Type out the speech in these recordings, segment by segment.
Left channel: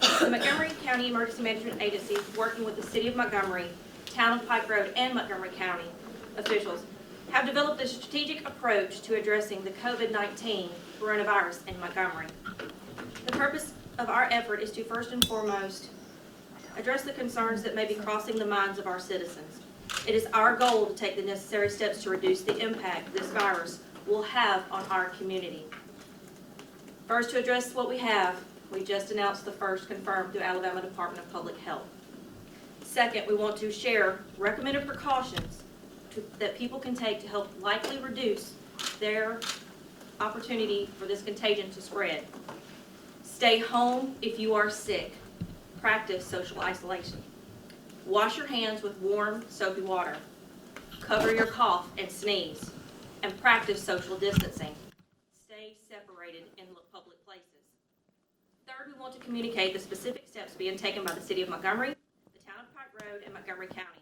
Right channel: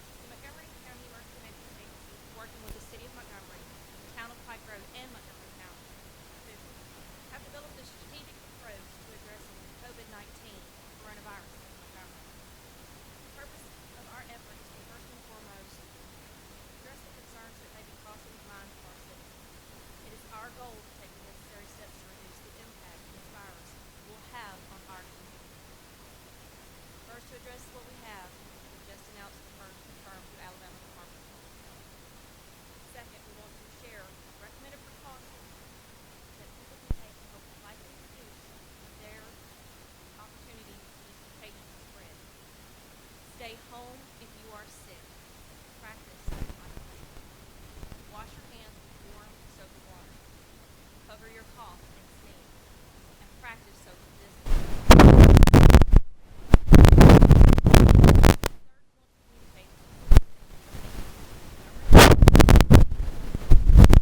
The Montgomery County Emergency Management Agency, working with the City of Montgomery, Town of Pike Road, and Montgomery County officials, have developed a strategic approach to addressing the COVID-19 coronavirus in Montgomery. The purpose of our effort is to first and foremost address the concerns that may be crossing the minds of our citizens. It is our goal to take the necessary steps to reduce the impact this virus will have on our community. First, to address what we have, we just announced the first confirmed through Alabama Department of Public Health. Second, we want to share recommended precautions that people can take to help likely reduce their opportunity for this contagion to spread. Stay home if you are sick. Practice social isolation. Wash your hands with warm, soapy water. Cover your cough and sneeze. And practice social distancing. Separated and third, we want to communicate the specific steps being taken by the City of Montgomery, Road, and Montgomery County.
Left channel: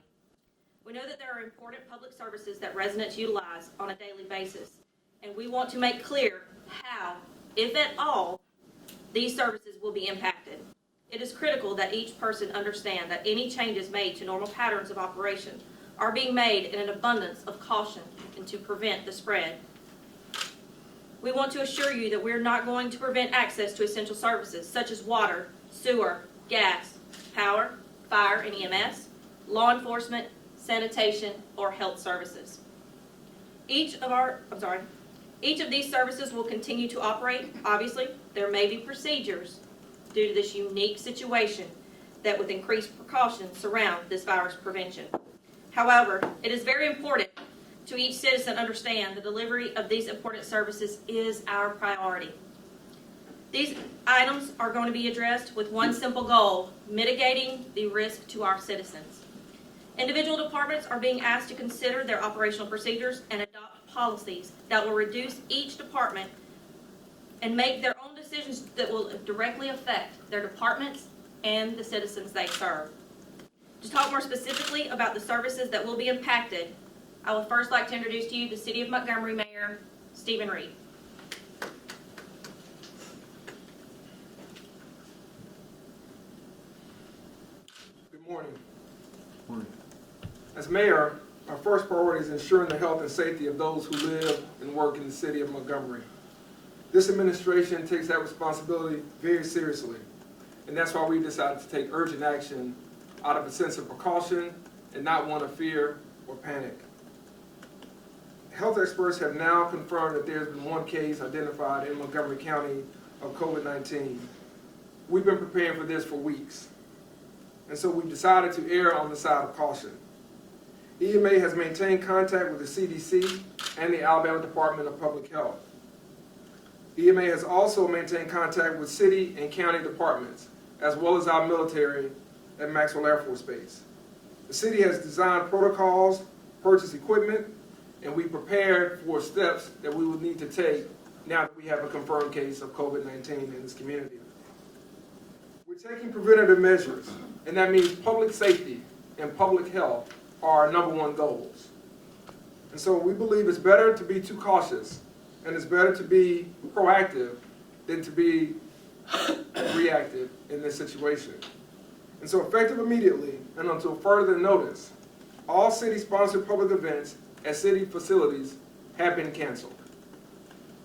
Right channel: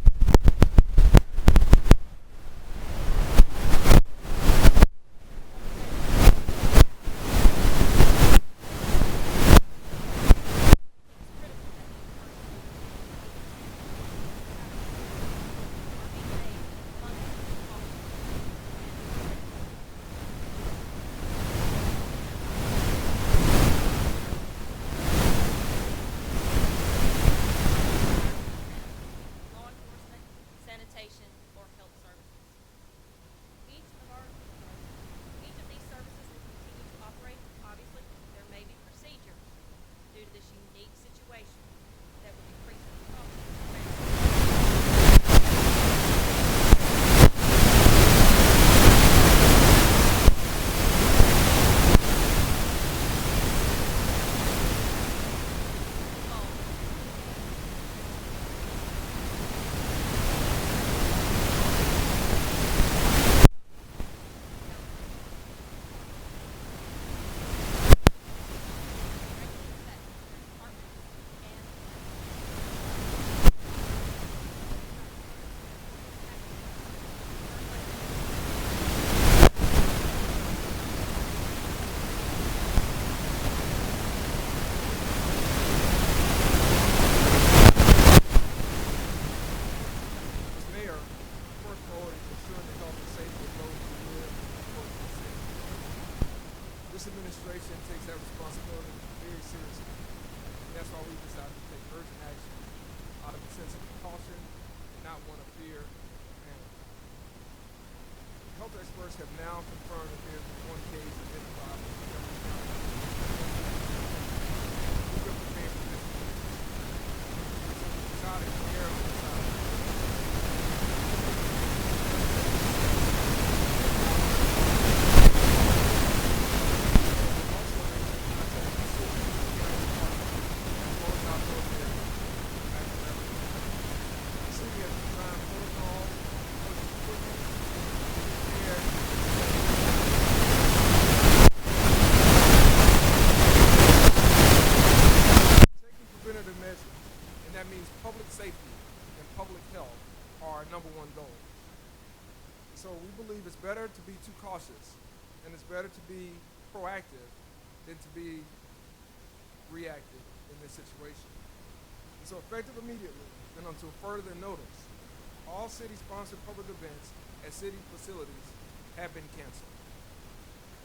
We know that there are important public services that residents utilize on a daily basis, and we want to make clear how, if at all, these services will be impacted. It is critical that each person understand that any changes made to normal patterns of operation are being made in an abundance of caution and to prevent the spread. We want to assure you that we're not going to prevent access to essential services such as water, sewer, gas, power, fire and EMS, law enforcement, sanitation, or health services. Each of these services will continue to operate. Obviously, there may be procedures due to this unique situation that with increased precautions surround this virus information. However, it is very important that each citizen understands the these important services included our priority. These items are going to be addressed with one simple goal: mitigating the risk to our citizens. Individual departments are being asked to consider their operational procedures and adopt policies that will reduce each department and make their own decisions that will directly affect their departments and the citizens they serve. To talk more specifically about the services that will be impacted, I would first like to introduce you to City of Montgomery Mayor Stephen Reed. As mayor, our first priority is ensuring the health and safety of those who live and work in the City of Montgomery. This administration takes that responsibility very seriously, and that's why we decided to take urgent action out of a sense of precaution and not one of fear or panic. Health experts have now confirmed that there's been one case identified in Montgomery County of COVID-19. We've been preparing for this for weeks, and so we decided to err on the side of caution. EMA has maintained contact with the CDC and the Alabama Department of Public Health. EMA has also maintained contact with city and county departments, as well as our military and Maxwell Air Force Base. The city has designed protocols, purchased equipment, and we prepared for steps that we need to take now that we have this work. We're taking preventative measures, and that means public safety and public health are our number one goals. And so we believe it's better to be too cautious, and it's better to be proactive than to be reactive in this situation. And so effective immediately and until further notice, all city-sponsored public events at city facilities have been canceled.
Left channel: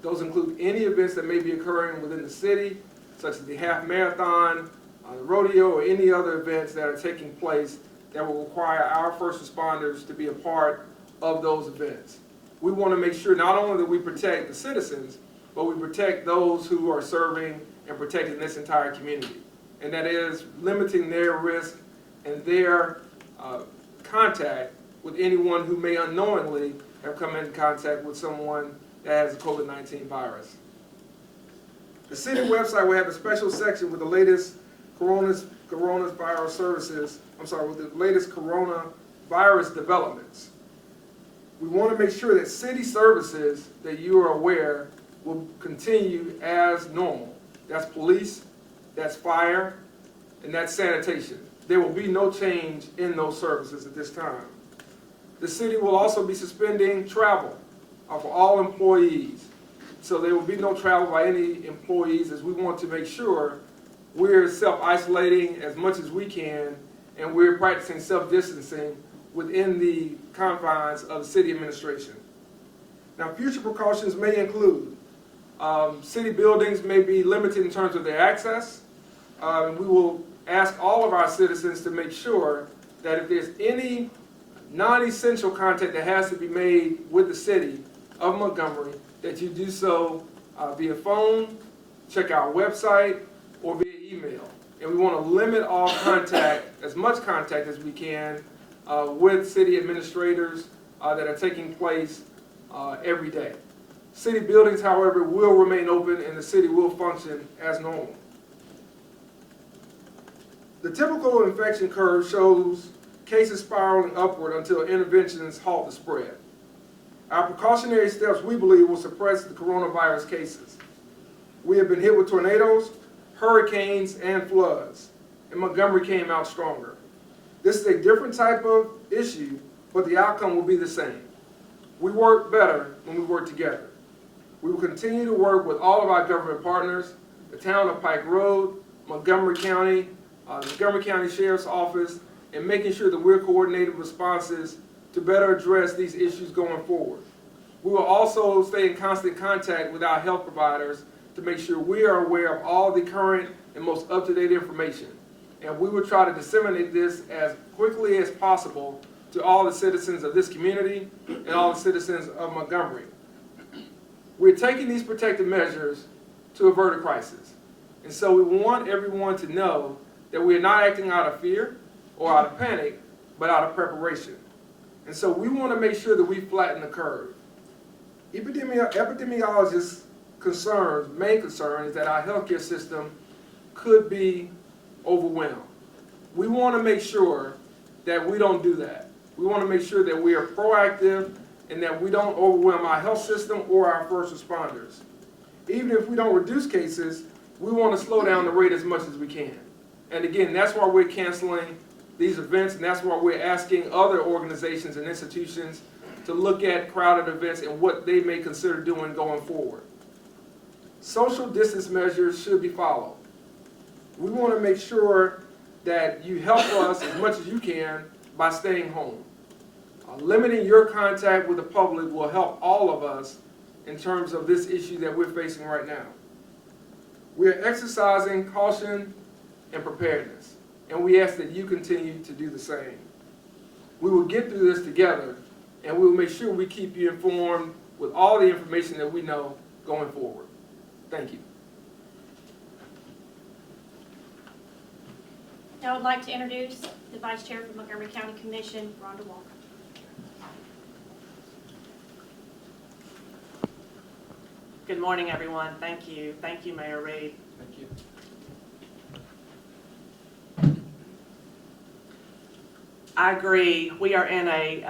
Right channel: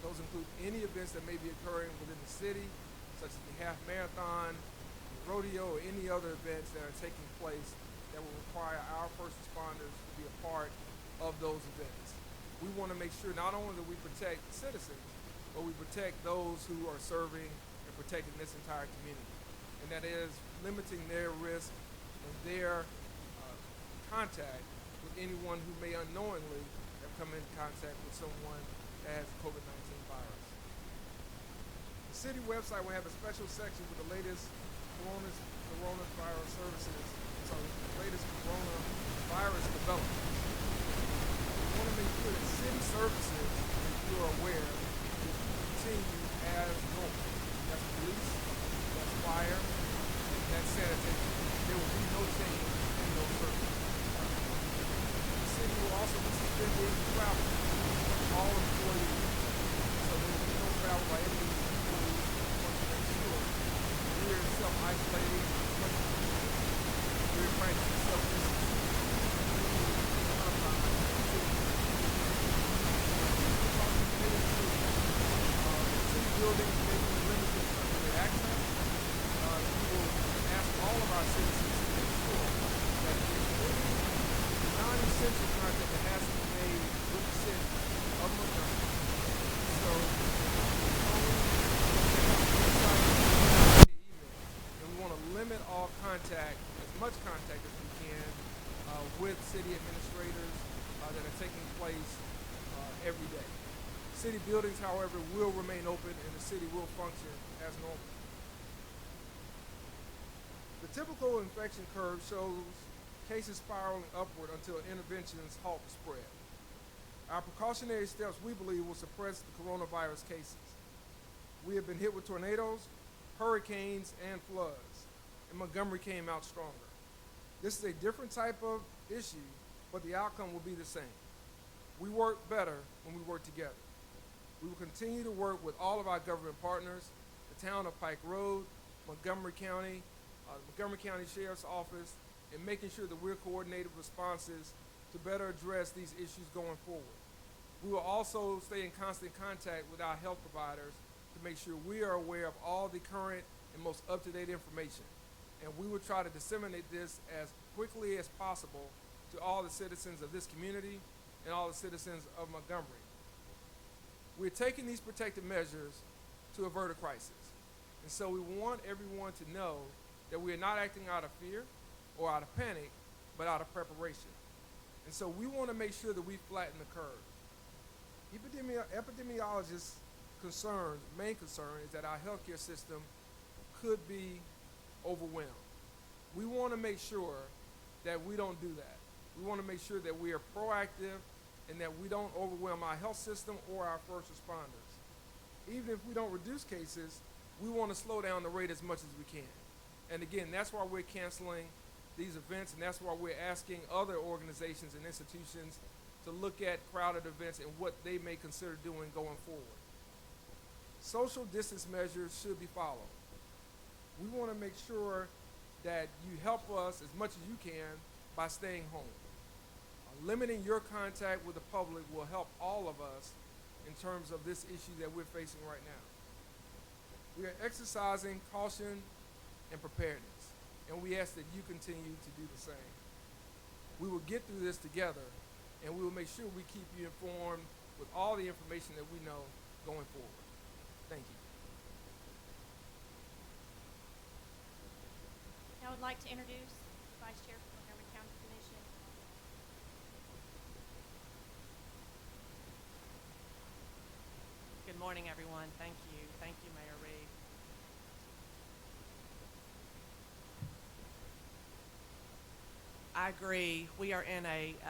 Those include any events that may be occurring within the city, such as the half marathon, the rodeo, or any other events that are taking place that will require our first responders to be a part of those events. We want to make sure not only that we protect the citizens, but we protect those who are serving and protecting this entire community. And that is limiting their risk and their contact with anyone who may unknowingly have come in contact with someone that has the COVID-19 virus. The city website will have a special section with the latest coronavirus developments. We want to make sure that city services that you are aware will continue as normal. That's police, that's fire, and that's sanitation. There will be no change in those services at this time. The city will also be suspending travel of all employees. So there will be no travel by any employees, as we want to make sure we're self-isolating as much as we can, and we're practicing self-distancing within the confines of city administration. Now, future precautions may include city buildings may be limited in terms of their access. We will ask all of our citizens to make sure that if there's any non-essential contact that has to be made with the city of Montgomery, that you do so via phone, check our website, or via email. And we want to limit all contact, as much contact as we can, with city administrators that are taking place every day. City buildings, however, will remain open and the city will function as normal. The typical infection curve shows cases spiraling upward until interventions halt the spread. Our precautionary steps, we believe, will suppress the coronavirus cases. We have been hit with tornadoes, hurricanes, and floods, and Montgomery came out stronger. This is a different type of issue, but the outcome will be the same. We work better when we work together. We will continue to work with all of our government partners, the town of Pike Road, Montgomery County, the Montgomery County Sheriff's Office, and making sure that we're coordinated responses to better address these issues going forward. We will also stay in constant contact with our health providers to make sure we are aware of all the current and most up-to-date information. And we will try to disseminate this as quickly as possible to all the citizens of this community and all the citizens of Montgomery. We're taking these protective measures to avert a crisis. And so we want everyone to know that we're not acting out of fear or out of panic, but out of preparation. And so we want to make sure that we flatten the curve. Epidemiologists' main concern is that our healthcare system could be overwhelmed. We want to make sure that we don't do that. We want to make sure that we are proactive and that we don't overwhelm our health system or our first responders. Even if we don't reduce cases, we want to slow down the rate as much as we can. And again, that's why we're canceling these events, and that's why we're asking other organizations and institutions to look at crowded events and what they may consider doing going forward. Social distance measures should be followed. We want to make sure that you help us as much as you can by staying home. Limiting your contact with the public will help all of us in terms of this issue that we're facing right now. We are exercising caution and preparedness, and we ask that you continue to do the same. We will get through this together, and we will make sure we keep you informed with all the information that we know going forward. Thank you. Now I would like to introduce the Vice Chair of the Montgomery County Commission, Rhonda Walker. Good morning, everyone. Thank you. Thank you, Mayor Reed. Thank you. I agree. We are in a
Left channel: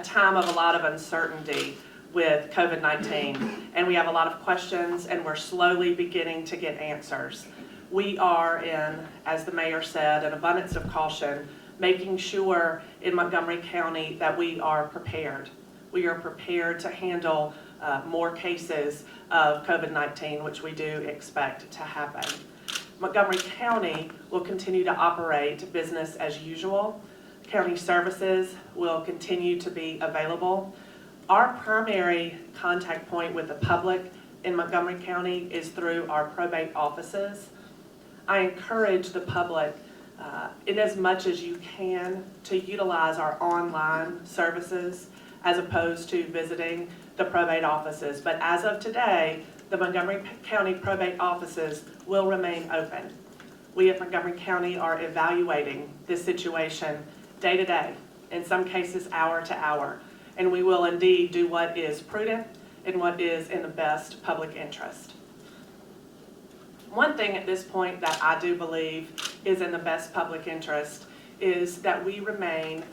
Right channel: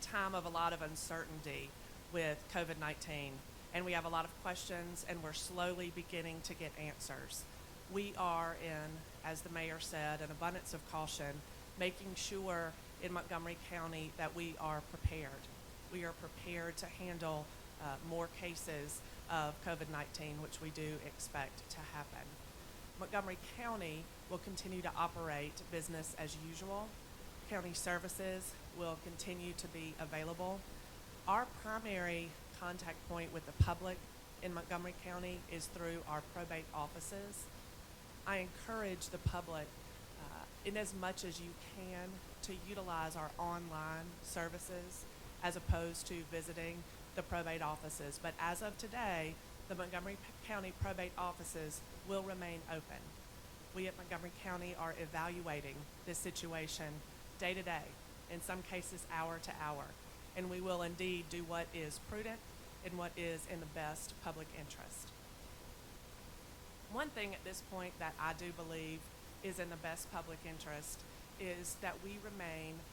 time of a lot of uncertainty with COVID-19, and we have a lot of questions, and we're slowly beginning to get answers. We are in, as the mayor said, an abundance of caution, making sure in Montgomery County that we are prepared. We are prepared to handle more cases of COVID-19, which we do expect to happen. Montgomery County will continue to operate business as usual. County services will continue to be available. Our primary contact point with the public in Montgomery County is through our probate offices. I encourage the public, in as much as you can, to utilize our online services as opposed to visiting the probate offices. But as of today, the Montgomery County probate offices will remain open. We at Montgomery County are evaluating this situation day to day, in some cases hour to hour, and we will indeed do what is prudent and what is in the best public interest. One thing at this point that I do believe is in the best public interest is that we remain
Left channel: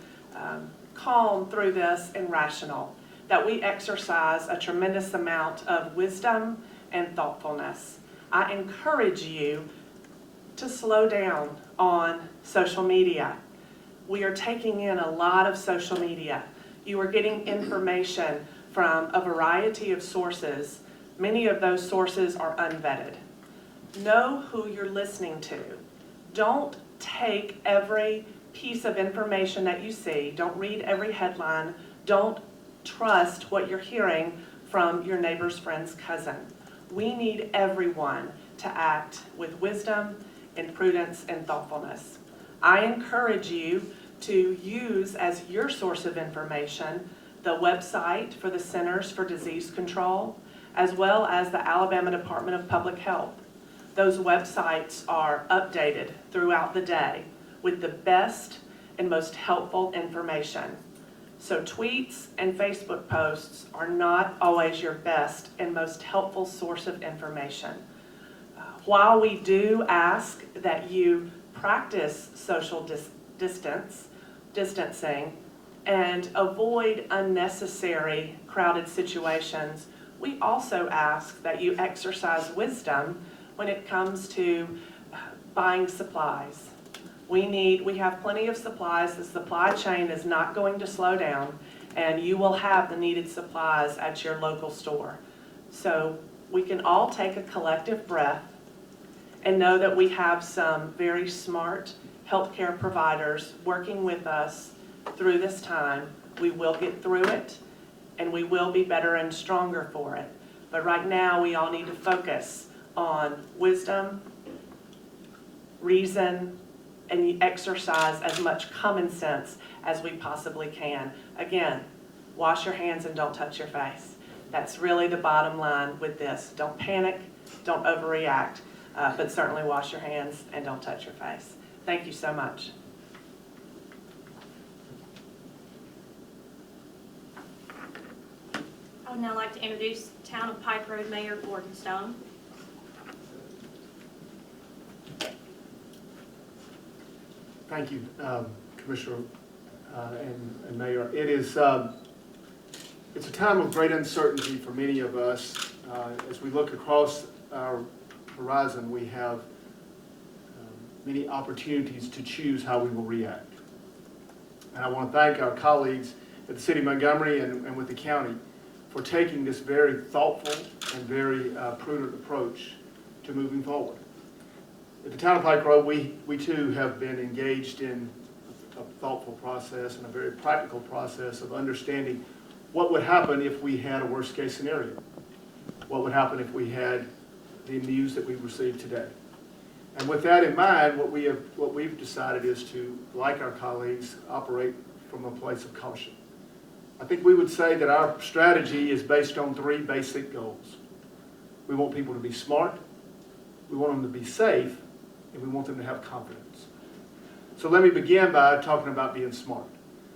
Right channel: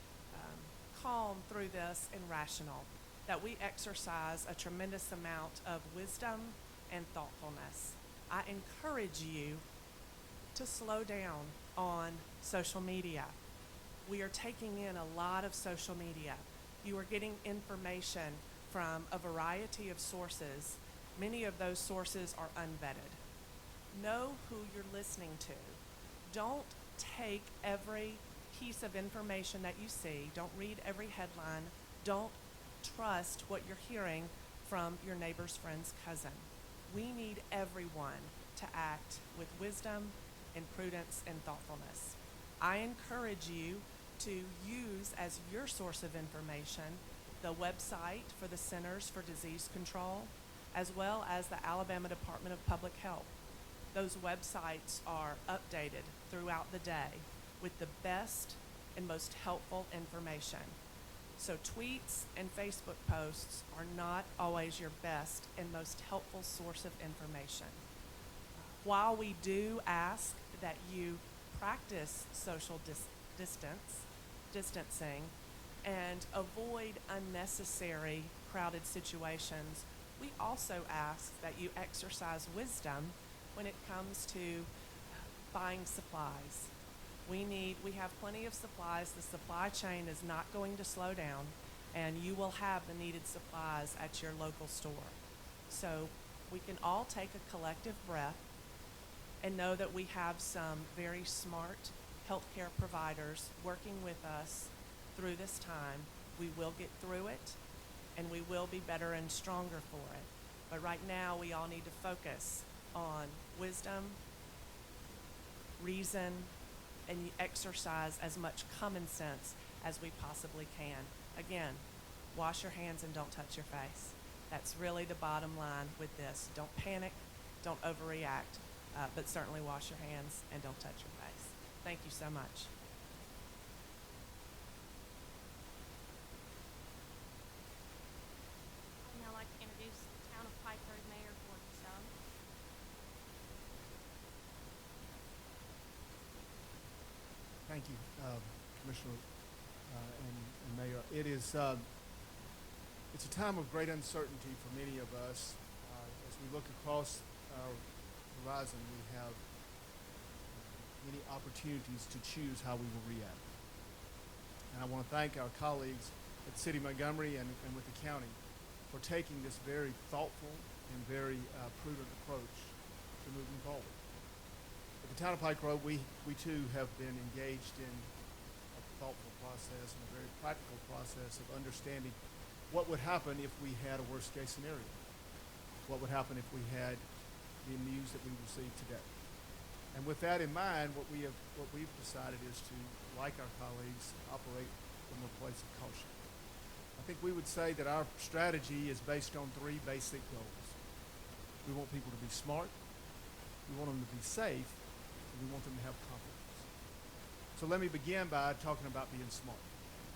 calm through this and rational, that we exercise a tremendous amount of wisdom and thoughtfulness. I encourage you to slow down on social media. We are taking in a lot of social media. You are getting information from a variety of sources. Many of those sources are unvetted. Know who you're listening to. Don't take every piece of information that you see. Don't read every headline. Don't trust what you're hearing from your neighbor's friend's cousin. We need everyone to act with wisdom and prudence and thoughtfulness. I encourage you to use as your source of information the website for the Centers for Disease Control, as well as the Alabama Department of Public Health. Those websites are updated throughout the day with the best and most helpful information. So tweets and Facebook posts are not always your best and most helpful source of information. While we do ask that you practice social distancing and avoid unnecessary crowded situations, we also ask that you exercise wisdom when it comes to buying supplies. We have plenty of supplies. The supply chain is not going to slow down, and you will have the needed supplies at your local store. So we can all take a collective breath and know that we have some very smart healthcare providers working with us through this time. We will get through it, and we will be better and stronger for it. But right now, we all need to focus on wisdom, reason, and exercise as much common sense as we possibly can. Again, wash your hands and don't touch your face. That's really the bottom line with this. Don't panic, don't overreact, but certainly wash your hands and don't touch your face. Thank you so much. I would now like to introduce Town of Pike Road Mayor Gordon Stone. Thank you, Commissioner and Mayor. It's a time of great uncertainty for many of us. As we look across our horizon, we have many opportunities to choose how we will react. And I want to thank our colleagues at the City of Montgomery and with the county for taking this very thoughtful and very prudent approach to moving forward. At the Town of Pike Road, we too have been engaged in a thoughtful process and a very practical process of understanding what would happen if we had a worst case scenario. What would happen if we had the news that we received today. And with that in mind, what we've decided is to, like our colleagues, operate from a place of caution. I think we would say that our strategy is based on three basic goals. We want people to be smart, we want them to be safe, and we want them to have confidence. So let me begin by talking about being smart.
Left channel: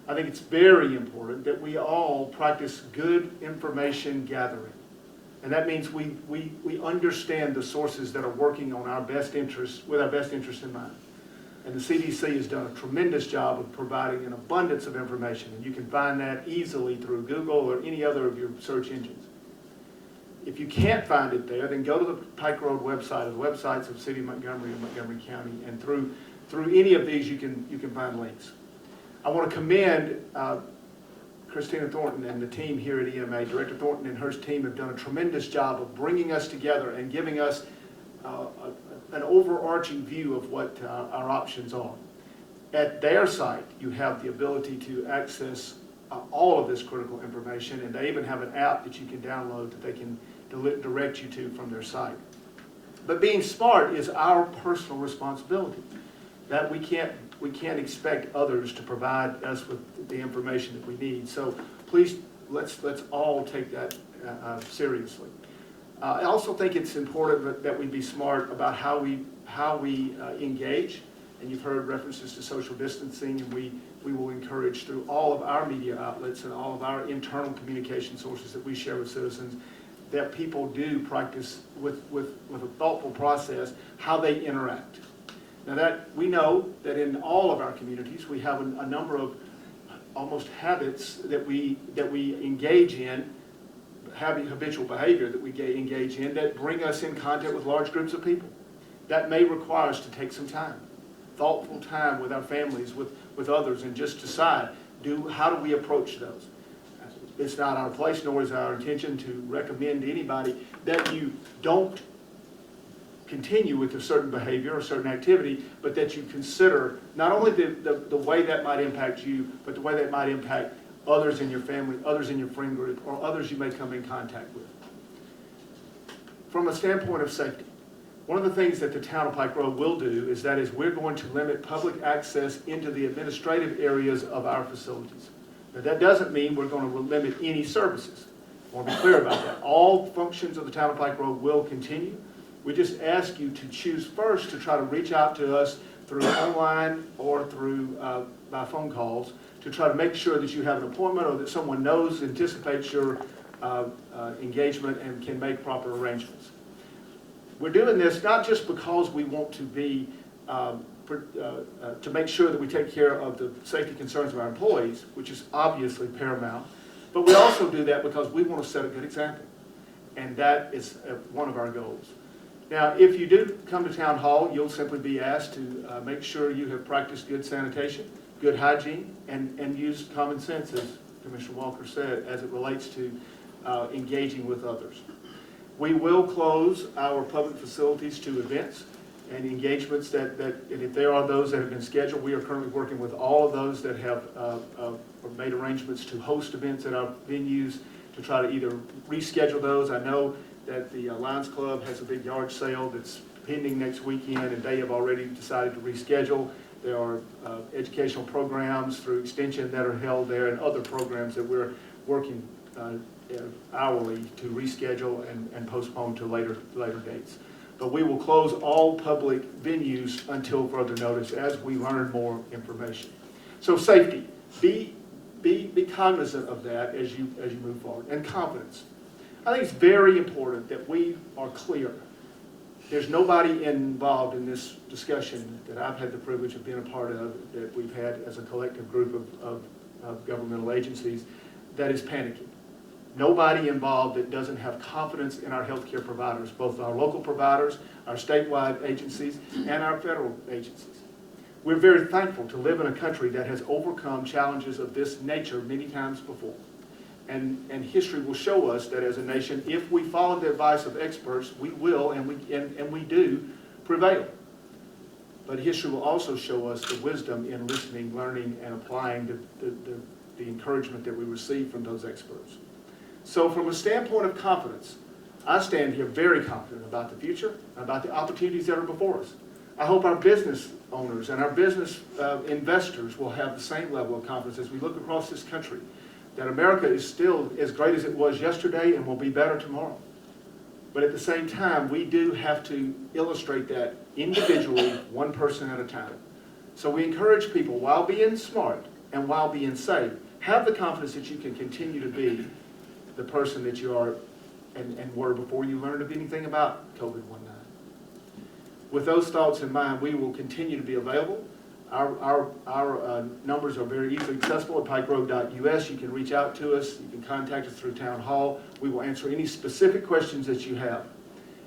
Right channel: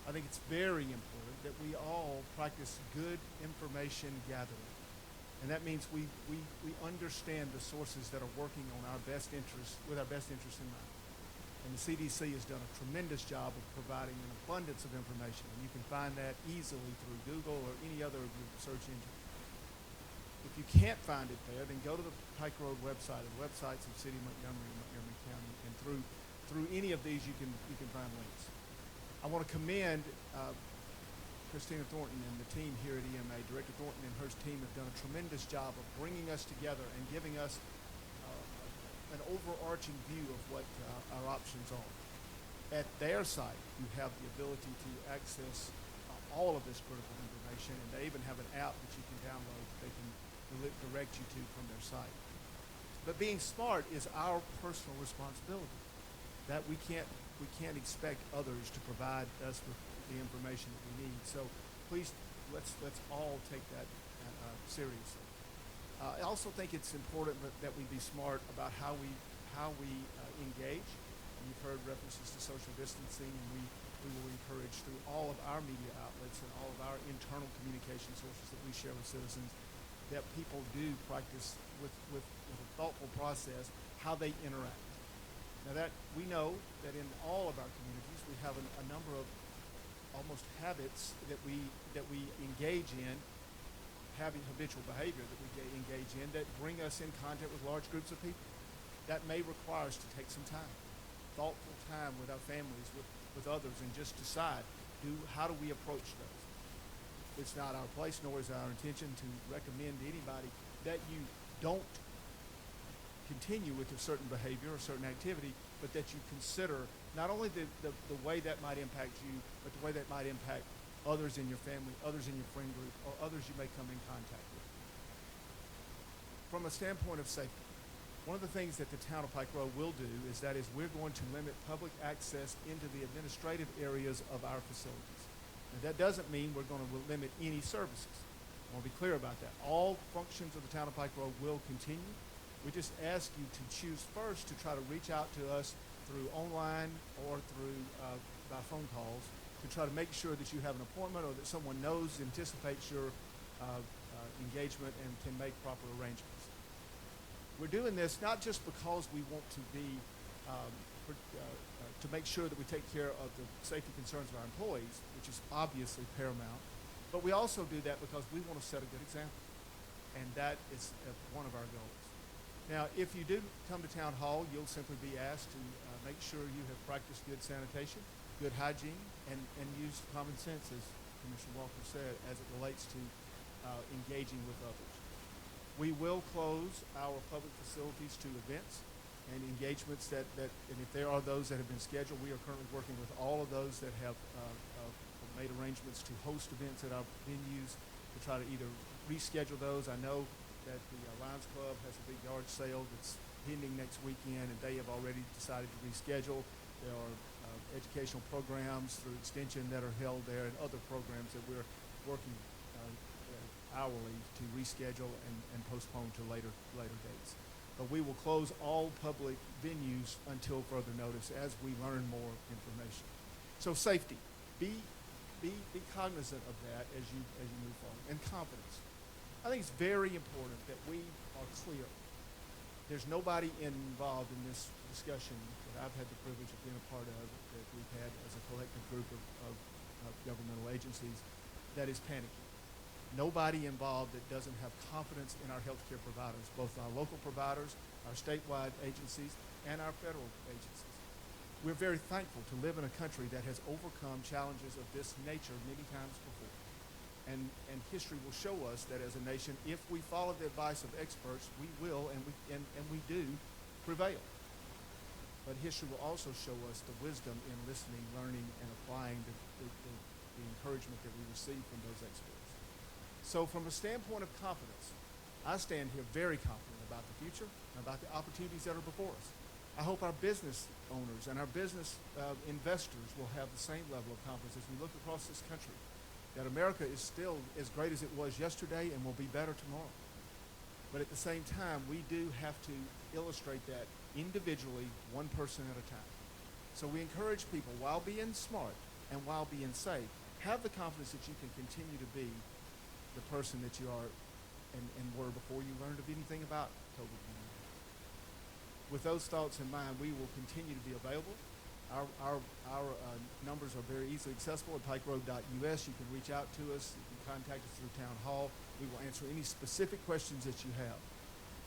I think it's very important that we all practice good information gathering. And that means we understand the sources that are working on our best interests, with our best interest in mind. And the CDC has done a tremendous job of providing an abundance of information. And you can find that easily through Google or any other of your search engines. If you can't find it there, then go to the Pike Road website, or the websites of City of Montgomery and Montgomery County, and through any of these you can find links. I want to commend Christina Thornton and the team here at EMA. Director Thornton and her team have done a tremendous job of bringing us together and giving us an overarching view of what our options are. At their site, you have the ability to access all of this critical information, and they even have an app that you can download that they can direct you to from their site. But being smart is our personal responsibility. That we can't expect others to provide us with the information that we need. So please, let's all take that seriously. I also think it's important that we be smart about how we engage. And you've heard references to social distancing, and we will encourage through all of our media outlets and all of our internal communication sources that we share with citizens that people do practice with a thoughtful process how they interact. Now that we know that in all of our communities we have a number of almost habits that we engage in, having habitual behavior that we engage in that bring us in contact with large groups of people. That may require us to take some time, thoughtful time with our families, with others, and just decide, how do we approach those? It's not our place, nor is our intention to recommend to anybody that you don't continue with a certain behavior or certain activity, but that you consider not only the way that might impact you, but the way that might impact others in your family, others in your friend group, or others you may come in contact with. From a standpoint of safety, one of the things that the town of Pike Road will do is we're going to limit public access into the administrative areas of our facilities. Now, that doesn't mean we're going to limit any services. I want to be clear about that. All functions of the town of Pike Road will continue. We just ask you to choose first to try to reach out to us through online or through by phone calls to try to make sure that you have an appointment or that someone knows, anticipates your engagement and can make proper arrangements. We're doing this not just because we want to be to make sure that we take care of the safety concerns of our employees, which is obviously paramount, but we also do that because we want to set a good example, and that is one of our goals. Now, if you do come to Town Hall, you'll simply be asked to make sure you have practiced good sanitation, good hygiene, and use common sense, as Commissioner Walker said, as it relates to engaging with others. We will close our public facilities to events and engagements that if there are those that have been scheduled, we are currently working with all of those that have made arrangements to host events at our venues to try to either reschedule those. I know that the Lions Club has a big yard sale that's pending next weekend, and they have already decided to reschedule. There are educational programs through Extension that are held there, and other programs that we're working hourly to reschedule and postpone to later dates. But we will close all public venues until further notice as we learn more information. So safety, be cognizant of that as you move forward, and confidence. I think it's very important that we are clear. There's nobody involved in this discussion that I've had the privilege of being a part of, that we've had as a collective group of governmental agencies, that is panicking. Nobody involved that doesn't have confidence in our healthcare providers, both our local providers, our statewide agencies, and our federal agencies. We're very thankful to live in a country that has overcome challenges of this nature many times before. And history will show us that as a nation, if we follow the advice of experts, we will and we do prevail. But history will also show us the wisdom in listening, learning, and applying the encouragement that we receive from those experts. So from a standpoint of confidence, I stand here very confident about the future, about the opportunities that are before us. I hope our business owners and our business investors will have the same level of confidence as we look across this country, that America is still as great as it was yesterday and will be better tomorrow. But at the same time, we do have to illustrate that individually, one person at a time. So we encourage people, while being smart and while being safe, have the confidence that you can continue to be the person that you are and were before you learned of anything about COVID-19. With those thoughts in mind, we will continue to be available. Our numbers are very easily accessible at pikeroad.us. You can reach out to us. You can contact us through Town Hall. We will answer any specific questions that you have.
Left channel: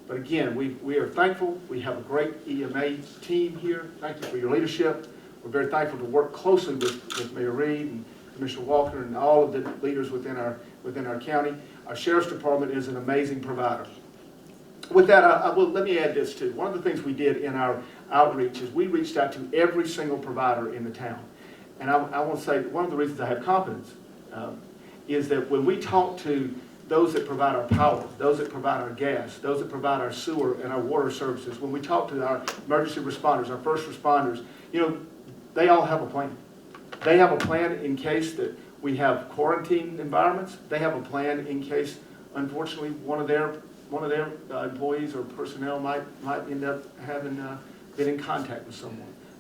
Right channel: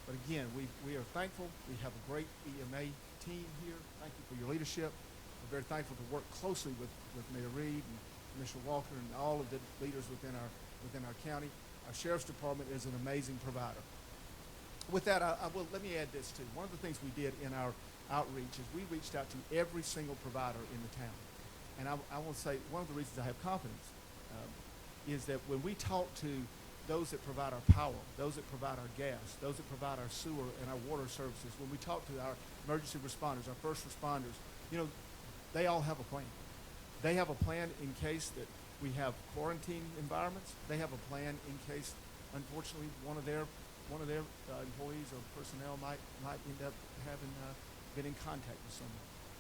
But again, we are thankful. We have a great EMA team here. Thank you for your leadership. We're very thankful to work closely with Mayor Reed and Commissioner Walker and all of the leaders within our county. Our Sheriff's Department is an amazing provider. With that, let me add this too. One of the things we did in our outreach is we reached out to every single provider in the town. And I want to say one of the reasons I have confidence is that when we talk to those that provide our power, those that provide our gas, those that provide our sewer and our water services, when we talk to our emergency responders, our first responders, they all have a plan. They have a plan in case that we have quarantine environments. They have a plan in case, unfortunately, one of their employees or personnel might end up having been in contact with someone.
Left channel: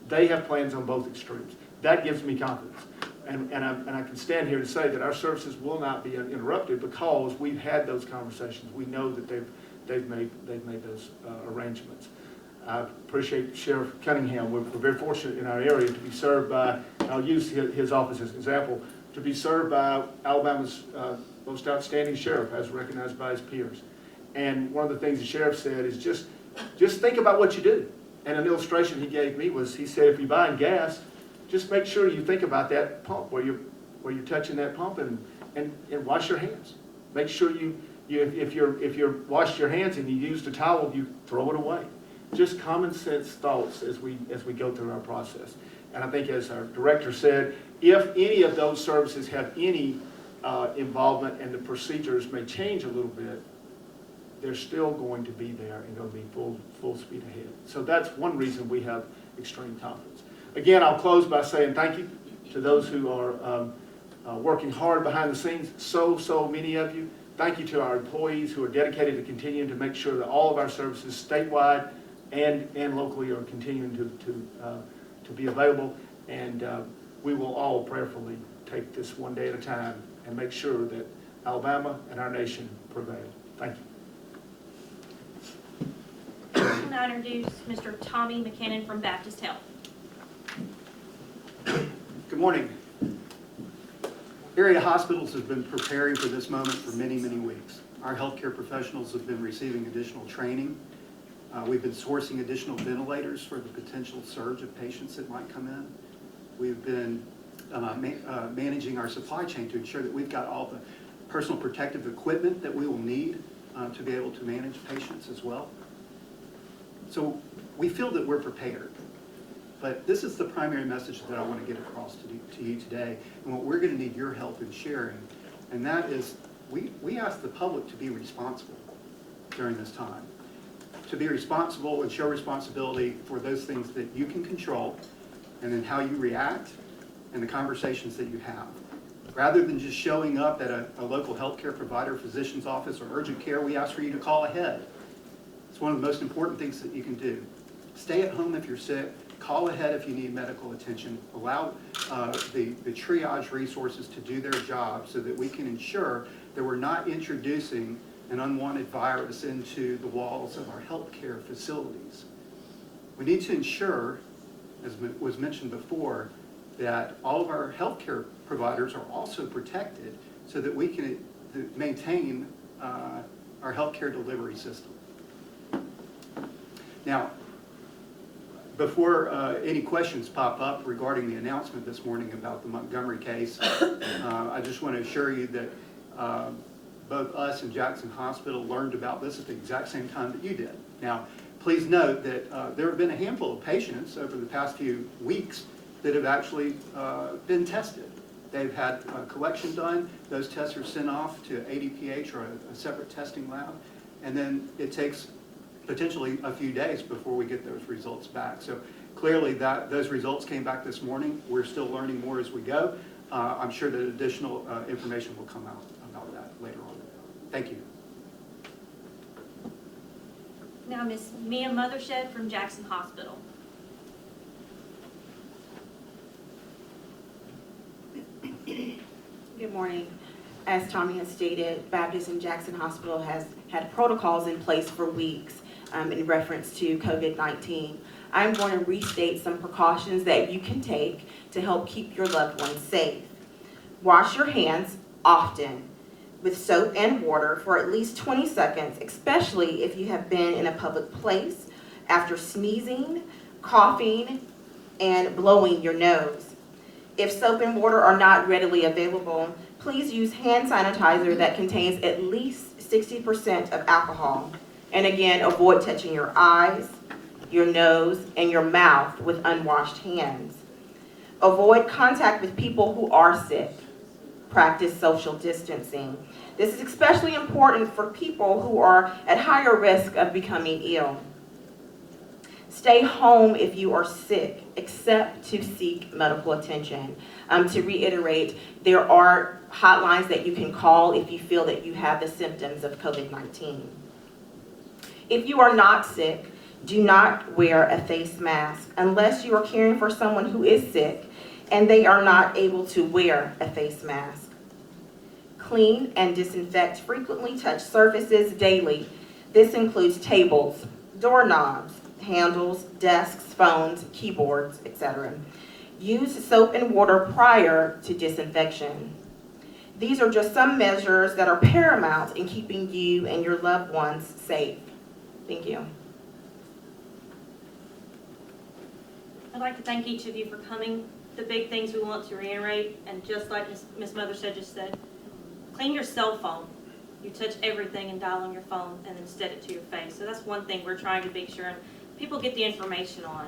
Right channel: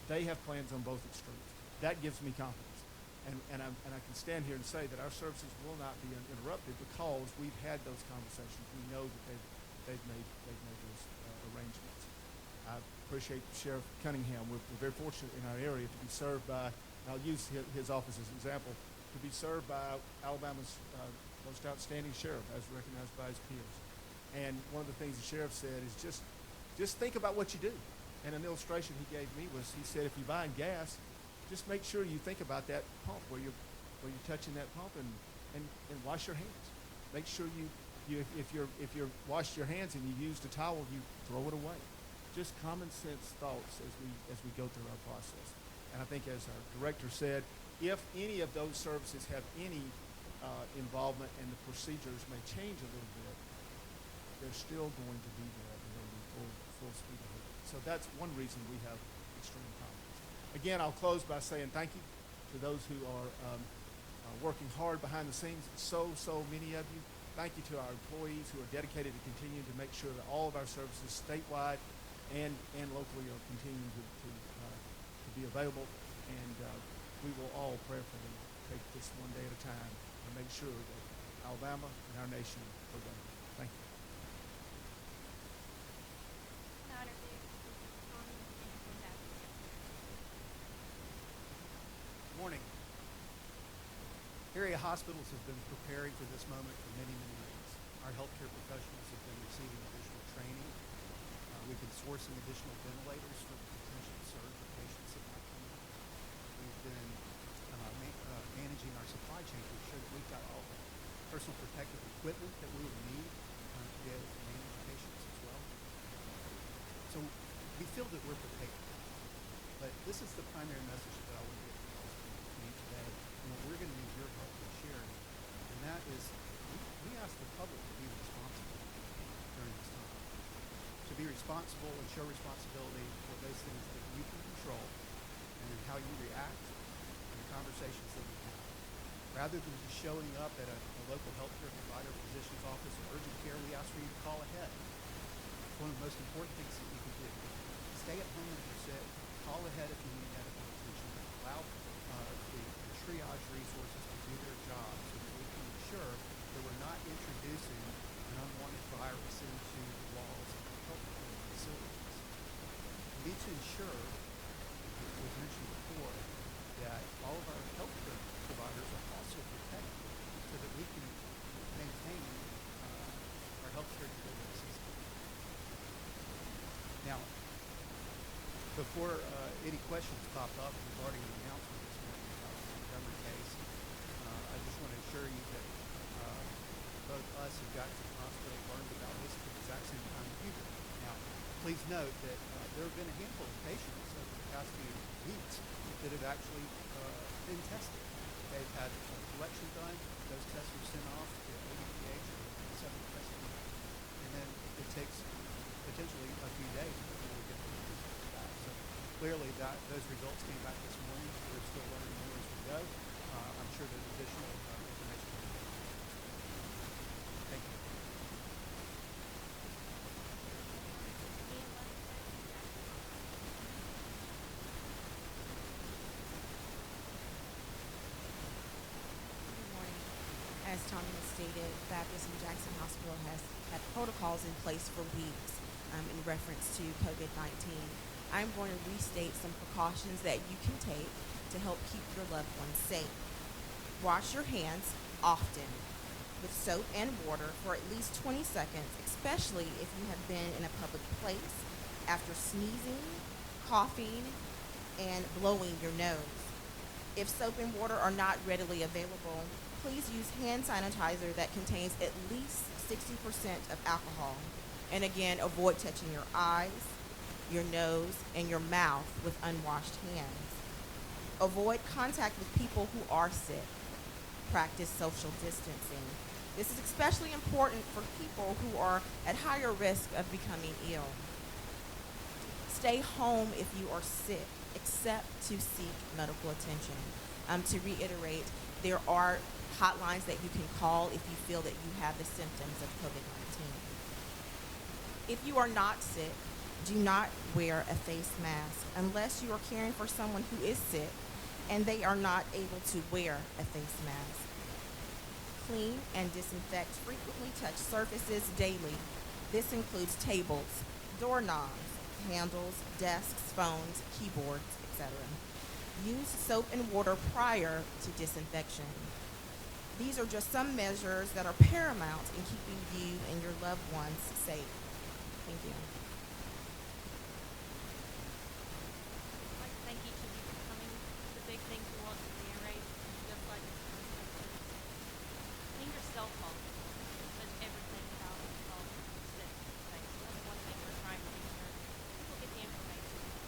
They have plans on both extremes. That gives me confidence. And I can stand here to say that our services will not be interrupted because we've had those conversations. We know that they've made those arrangements. I appreciate Sheriff Cunningham. We're very fortunate in our area to be served by, and I'll use his office as an example, to be served by Alabama's most outstanding sheriff, as recognized by his peers. And one of the things the sheriff said is just think about what you do. And an illustration he gave me was, he said, if you're buying gas, just make sure you think about that pump where you're touching that pump and wash your hands. Make sure if you're washed your hands and you use the towel, you throw it away. just common sense thoughts as we go through our process. And I think, as our director said, if any of those services have any involvement and the procedures may change a little bit, they're still going to be there and going to be full speed ahead. So that's one reason we have extreme confidence. Again, I'll close by saying thank you to those who are working hard behind the scenes, so many of you. Thank you to our employees who are dedicated to continuing to make sure that all of our services statewide and locally are continuing to be available. And we will all prayerfully take this one day at a time and make sure that Alabama and our nation prevail. Thank you. Can I introduce Mr. Tommy McKinnon from Baptist Health? Good morning. Area hospitals have been preparing for this moment for many, many weeks. Our healthcare professionals have been receiving additional training. We've been sourcing additional ventilators for the potential surge of patients that might come in. We've been managing our supply chain to ensure that we've got all the personal protective equipment that we will need to be able to manage patients as well. So we feel that we're prepared. But this is the primary message that I want to get across to you today, and what we're going to need your help in sharing, and that is we ask the public to be responsible during this time, to be responsible and show responsibility for those things that you can control, and then how you react and the conversations that you have. Rather than just showing up at a local healthcare provider, physician's office, or urgent care, we ask for you to call ahead. It's one of the most important things that you can do. Stay at home if you're sick. Call ahead if you need medical attention. Allow the triage resources to do their job so that we can ensure that we're not introducing an unwanted virus into the walls of our healthcare facilities. We need to ensure, as was mentioned before, that all of our healthcare providers are also protected so that we can maintain our healthcare delivery system. Now, before any questions pop up regarding the announcement this morning about the Montgomery case, I just want to assure you that both us and Jackson Hospital learned about this at the exact same time that you did. Now, please note that there have been a handful of patients over the past few weeks that have actually been tested. They've had collection done. Those tests are sent off to ADPH or a separate testing lab, and then it takes potentially a few days before we get those results back. So clearly those results came back this morning. We're still learning more as we go. I'm sure that additional information will come out about that later on. Thank you. Now, Ms. Mia Mothershed from Jackson Hospital. Good morning. As Tommy has stated, Baptist and Jackson Hospital has had protocols in place for weeks in reference to COVID-19. I'm going to restate some precautions that you can take to help keep your loved ones safe. Wash your hands often with soap and water for at least 20 seconds, especially if you have been in a public place after sneezing, coughing, and blowing your nose. If soap and water are not readily available, please use hand sanitizer that contains at least 60% of alcohol. And again, avoid touching your eyes, your nose, and your mouth with unwashed hands. Avoid contact with people who are sick. Practice social distancing. This is especially important for people who are at higher risk of becoming ill. Stay home if you are sick, except to seek medical attention. To reiterate, there are hotlines that you can call if you feel that you have the symptoms of COVID-19. If you are not sick, do not wear a face mask unless you are caring for someone who is sick and they are not able to wear a face mask. Clean and disinfect frequently touched surfaces daily. This includes tables, doorknobs, handles, desks, phones, keyboards, etc. Use soap and water prior to disinfection. These are just some measures that are paramount in keeping you and your loved ones safe. Thank you. I'd like to thank each of you for coming. The big things we want to reiterate, and just like Ms. Mothershed just said, clean your cell phone. You touch everything and dial on your phone and instead it to your face. So that's one thing we're trying to make sure, and people get the information on.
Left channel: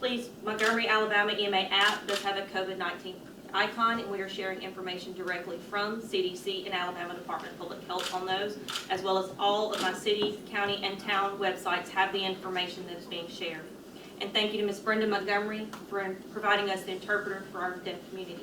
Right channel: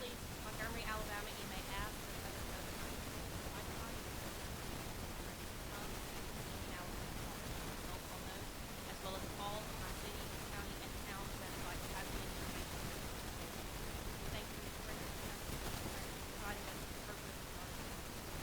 Please, Montgomery, Alabama EMA app does have a COVID-19 icon, and we are sharing information directly from CDC and Alabama Department of Public Health on those, as well as all of my city, county, and town websites have the information that's being shared. And thank you to Ms. Brenda Montgomery for providing us an interpreter for our deaf community.